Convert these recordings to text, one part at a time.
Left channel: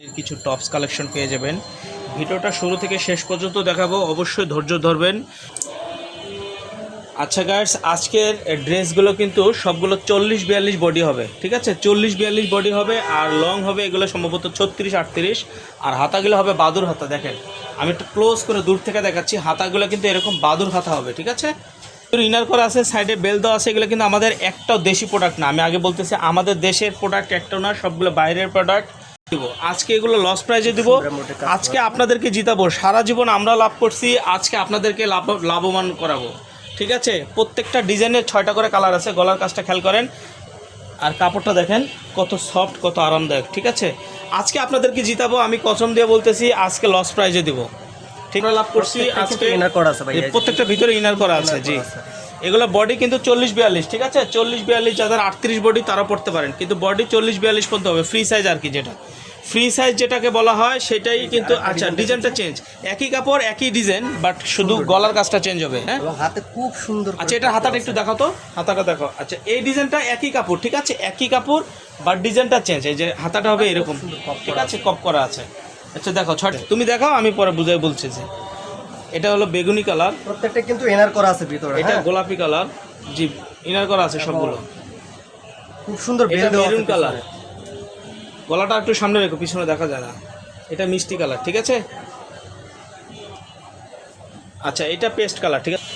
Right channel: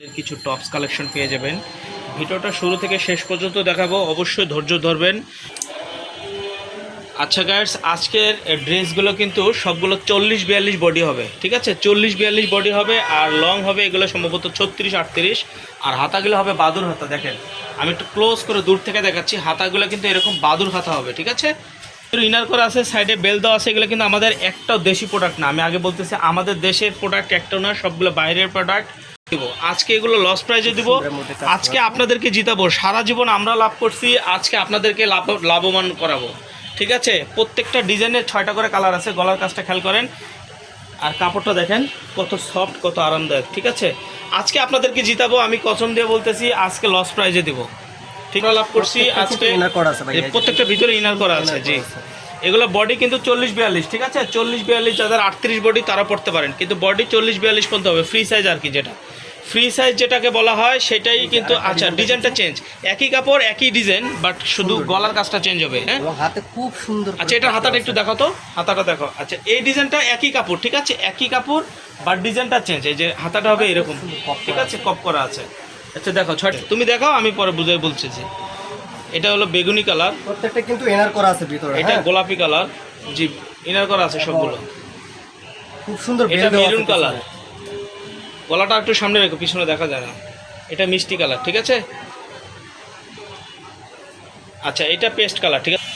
কিছু tops collection পেয়ে যাবেন। ভিডিওটা শুরু থেকে শেষ পর্যন্ত দেখাবো, অবশ্যই ধৈর্য ধরবেন। আচ্ছা গাইস, আজকের ড্রেসগুলো কিন্তু সবগুলো 40-42 বডি হবে, ঠিক আছে? 40-42 বডি হবে, আর লং হবে এগুলো সম্ভবত 36-38, আর হাতাগুলো হবে বাদুর হাতা। দেখেন আমি একটু ক্লোজ করে দূর থেকে দেখাচ্ছি, হাতাগুলো কিন্তু এরকম বাদুর হাতা হবে, ঠিক আছে? ইনার করা আছে, সাইডে বেল দেওয়া আছে। এগুলো কিন্তু আমাদের একটাও দেশি প্রোডাক্ট না, আমি আগে বলতেছি আমাদের দেশের প্রোডাক্ট একটাও না, সবগুলো বাইরের প্রোডাক্ট। দিব আজকে এগুলো লস প্রাইজে দিব, আজকে আপনাদেরকে জিতাবো। সারা জীবন আমরা লাভ করছি, আজকে আপনাদেরকে লাভবান করাবো, ঠিক আছে? প্রত্যেকটা ডিজাইনের 6টা করে কালার আছে। গলার কাজটা খেয়াল করেন, আর কাপড়টা দেখেন কত সফট, কত আরামদায়ক, ঠিক আছে? আজকে আপনাদেরকে জিতাবো, আমি কসম দিয়ে বলতেছি, আজকে লস প্রাইজে দিব। ঠিক লাভ করছি আজকে। প্রত্যেকটা ভিতরে ইনার করা আছে, জি। এগুলো বডি কিন্তু 40-42, ঠিক আছে? 40-42 যাদের 38 বডি তারা পড়তে পারেন, কিন্তু বডি 40-42 পর্যন্ত হবে। ফ্রি সাইজ আর কি, যেটা ফ্রি সাইজ যেটাকে বলা হয় সেটাই কিন্তু। আচ্ছা, ডিজাইনটা চেঞ্জ, একই কাপড় একই ডিজাইন, বাট শুধু গলার কাজটা চেঞ্জ হবে। হ্যাঁ, এবং হাতে খুব সুন্দর। আচ্ছা, এটা হাতাটা একটু দেখো তো, হাতাটা দেখো। আচ্ছা, এই ডিজাইনটা একই কাপড়, ঠিক আছে? একই কাপড়, বাট ডিজাইনটা চেঞ্জ। এই যে হাতাটা হবে এরকম, ঠিক আছে? কপ করা আছে। আচ্ছা দেখো, তুমি দেখাও, আমি পরে বুঝাই বলছি। যে এটা হলো বেগুনি কালার, প্রত্যেকটা কিন্তু ইনার করা আছে ভিতরে। এটা গোলাপি কালার, জি, ইনার করা আছে সবগুলো। খুব সুন্দর বেল এটা দেওয়া আছে মেরুন কালার, গলাটা একটু সামনে রেখো, পিছনে দেখা যায় না। এটা মিষ্টি কালার, ঠিক আছে? আচ্ছা, এটা পেস্ট কালার, ঠিক আছে?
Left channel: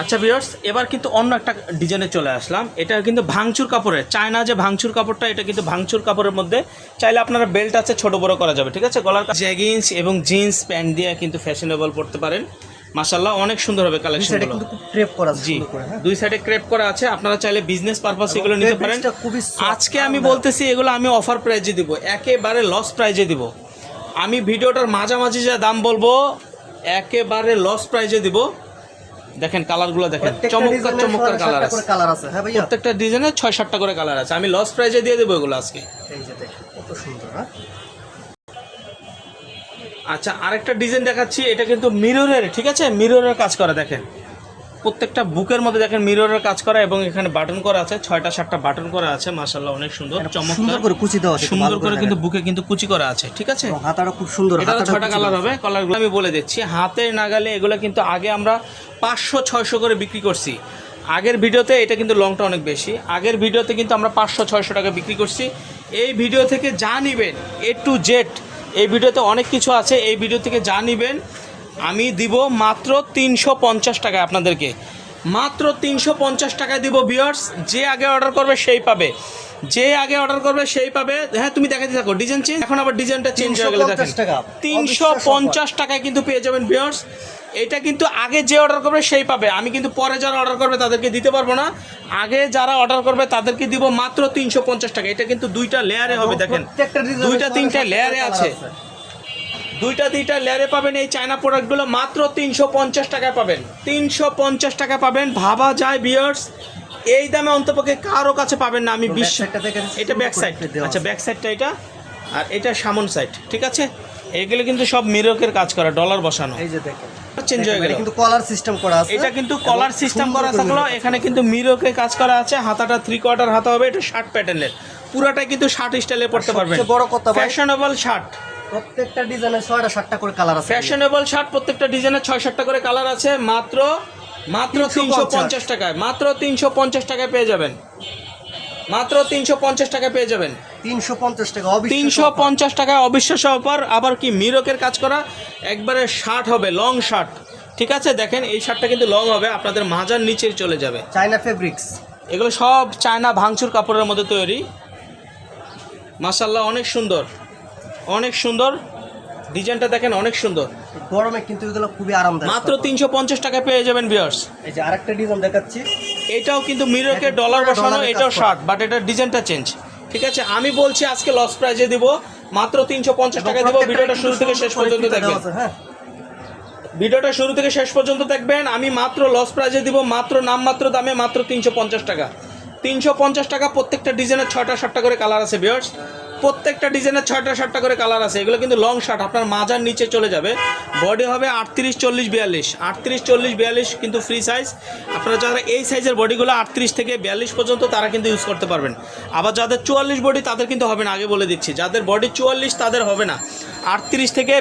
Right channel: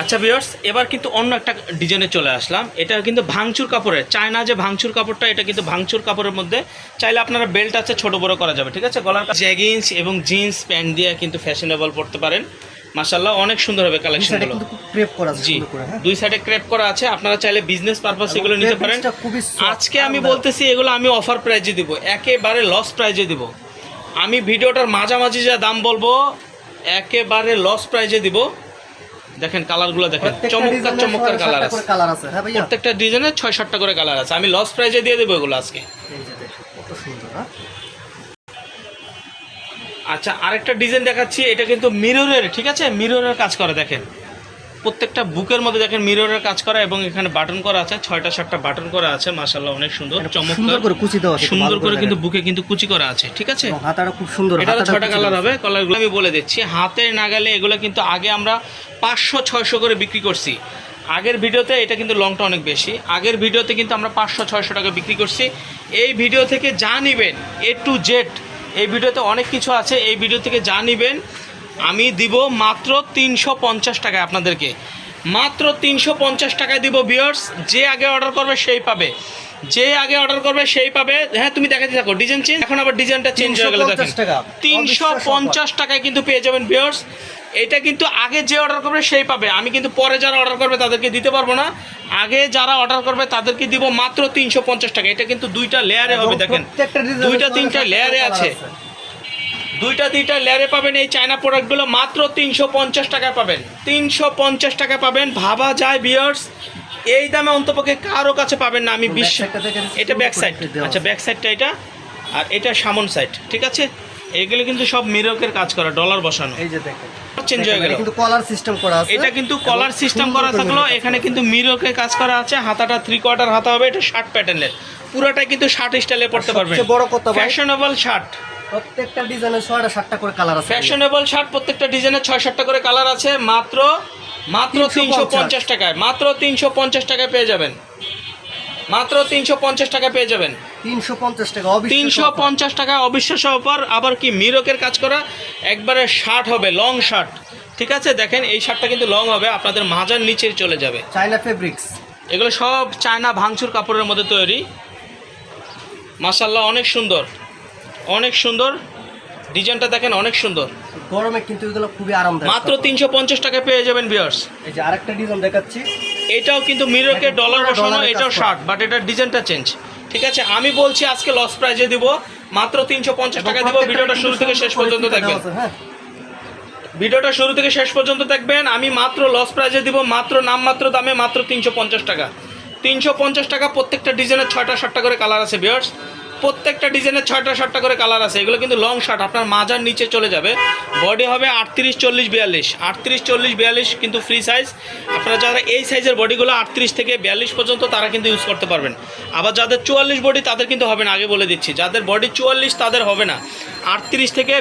আচ্ছা ভিউয়ার্স, এবার কিন্তু অন্য একটা ডিজাইনে চলে আসলাম। এটা কিন্তু ভাঙচুর কাপড়ের, চায়না যে ভাঙচুর কাপড়টা, এটা কিন্তু ভাঙচুর কাপড়ের মধ্যে। চাইলে আপনারা বেল্ট আছে, ছোট বড় করা যাবে, ঠিক আছে? গলার জ্যাগিন্স এবং জিন্স প্যান্ট দিয়ে কিন্তু ফ্যাশনেবল পড়তে পারেন। মাশাআল্লাহ, অনেক সুন্দর হবে কালেকশন। এটা কিন্তু খুব ক্রেপ করা আছে, জি, সুন্দর করে। হ্যাঁ, দুই সাইডে ক্রেপ করা আছে। আপনারা চাইলে বিজনেস পারপাস এগুলো নিতে পারেন। আজকে আমি বলতেছি, এগুলো আমি অফার প্রাইজে দিব, একেবারে লস প্রাইজে দিব। আমি ভিডিওটার মাঝামাঝি যা দাম বলবো, একেবারে লস প্রাইজে দিব। দেখেন কালারগুলো দেখেন, চমৎকার চমৎকার কালার আছে। হ্যাঁ ভাইয়া, প্রত্যেকটা ডিজাইনে 6-7টা করে কালার আছে। আমি লস প্রাইজে দিয়ে দেবো এগুলো আজকে। এই যে দেখুন কত সুন্দর। হ্যাঁ, আচ্ছা, আরেকটা ডিজাইন দেখাচ্ছি। এটা কিন্তু মিররের, ঠিক আছে? মিররের কাজ করা, দেখেন প্রত্যেকটা বুকের মধ্যে দেখেন মিররের কাজ করা, এবং এখানে বাটন করা আছে, 6টা-7টা বাটন করা আছে। মাশাআল্লাহ, অনেক সুন্দর, চমৎকার করে কুচি দেওয়া আছে, সুন্দর করে কিন্তু বুকে কিন্তু কুচি করা আছে, ঠিক আছে? এবং হাতাটা খুব সুন্দর। এটা 6টা কালার হবে। কালারগুলো আমি বলে দিচ্ছি, হাতের নাগালে। এগুলো কিন্তু আগে আমরা 500-600 করে বিক্রি করছি। আগের ভিডিওতে এটা কিন্তু লংটা অনেক বেশি। আগের ভিডিওতে কিন্তু আমরা 500-600 টাকা বিক্রি করছি। এই ভিডিও থেকে যা নেবেন A to Z, এই ভিডিওতে অনেক কিছু আছে। এই ভিডিও থেকে যা নেবেন আমি দিব মাত্র 350 টাকায় আপনাদেরকে, মাত্র 350 টাকায় দিব ভিউয়ার্স। যে আগে অর্ডার করবে সেই পাবে, যে আগে অর্ডার করবে সেই পাবে। হ্যাঁ, তুমি দেখাতে থাকো, ডিজাইন চেঞ্জ। এখন আবার ডিজাইনটা চেঞ্জ হয়ে গেল, দেখেন 350 টাকায় কিন্তু পেয়ে যাবেন ভিউয়ার্স। এটা কিন্তু আগে যে অর্ডার করবে সেই পাবে, আমি কিন্তু পরে যারা অর্ডার করবে তাদেরকে দিতে পারবো না। আগে যারা অর্ডার করবে তাদেরকে দিব মাত্র 350 টাকা। এটা কিন্তু 2টা লেয়ারে হবে, দেখেন 2টা-3টা লেয়ারে আছে, 2টা-3টা লেয়ারে পাবেন এই চায়না প্রোডাক্টগুলো। মাত্র 350 টাকা পাবেন, 350 টাকা পাবেন। ভাবা যায় ভিউয়ার্স, এই দামে অন্তপক্ষে কারো কাছে পাবেন না, আমি বিশ্বাস। এটা ব্যাক সাইড, আচ্ছা ব্যাক সাইডটা এটা, আর এটা সামন সাইড, ঠিক আছে? এগুলো কিন্তু সব মিররের কাজ করা, ডলার বসানো। এই যে দেখেন চেঞ্জ হয়ে গেল, কিন্তু কলার সিস্টেম করা আছে। এটা কিন্তু কলার সিস্টেম করা থাকলো, এখানে কিন্তু মিররের কাজ করা আছে। হাতাটা 3/4 হাতা হবে, এটা শার্ট প্যাটার্নের, পুরাটাই কিন্তু শার্ট স্টাইলে পড়তে পারবেন। বড় কথা ভাই, ফ্যাশনেবল শার্ট, প্রত্যেকটা ডিজাইনে 6টা-7টা করে কালার আছে। ফ্যাশনেবল শার্ট, প্রত্যেকটা ডিজাইনে 6-7টা করে কালার আছে। মাত্র 350 টাকায়, মাত্র 350 টাকায় পেয়ে যাবেন, মাত্র 350 টাকা পেয়ে যাবেন। 350 টাকা, 350 টাকা অবিশ্বাস্য অফার। আবার কি মিররের কাজ করা, একবারে শার্ট হবে, লং শার্ট, ঠিক আছে? দেখেন এই শার্টটা কিন্তু লং হবে, আপনাদের মাজার নিচে চলে যাবে। চায়না ফেব্রিক্স, এগুলো সব চায়না ভাঙচুর কাপড়ের মধ্যে তৈরি। মাশাআল্লাহ, অনেক সুন্দর, অনেক সুন্দর ডিজাইনটা দেখেন, অনেক সুন্দর। গরমে কিন্তু এগুলো খুবই আরামদায়ক। মাত্র 350 টাকা পেয়ে যাবেন ভিউয়ার্স। এই যে আরেকটা ডিজাইন দেখাচ্ছি, এটাও কিন্তু মিররকে ডলার বসানো, এটাও শার্ট, বাট এটার ডিজাইনটা চেঞ্জ, ঠিক আছে? আমি বলছি আজকে লস প্রাইজে দিব, মাত্র 350 টাকা দিব। ভিডিওটা শুরু থেকে শেষ পর্যন্ত দেখবেন, ভিডিওটা শুরু থেকে শেষ পর্যন্ত দেখবেন। আমি মাত্র লস প্রাইজে দিব, মাত্র নামমাত্র দামে, মাত্র 350 টাকা। 350 টাকা, প্রত্যেকটা ডিজাইনের 6টা-7টা করে কালার আছে ভিউয়ার্স। প্রত্যেকটা ডিজাইনের 6টা 7টা করে কালার আছে। এগুলো কিন্তু লং শার্ট, আপনার মাজার নিচে চলে যাবে। বডি হবে 38 40 42, 38 40 42 কিন্তু ফ্রি সাইজ। আপনারা যারা এই সাইজের বডিগুলো 38 থেকে 42 পর্যন্ত তারা কিন্তু ইউজ করতে পারবেন। আবার যাদের 44 বডি তাদের কিন্তু হবে না, আগে বলে দিচ্ছি। যাদের বডি 44 তাদের হবে না, 38 থেকে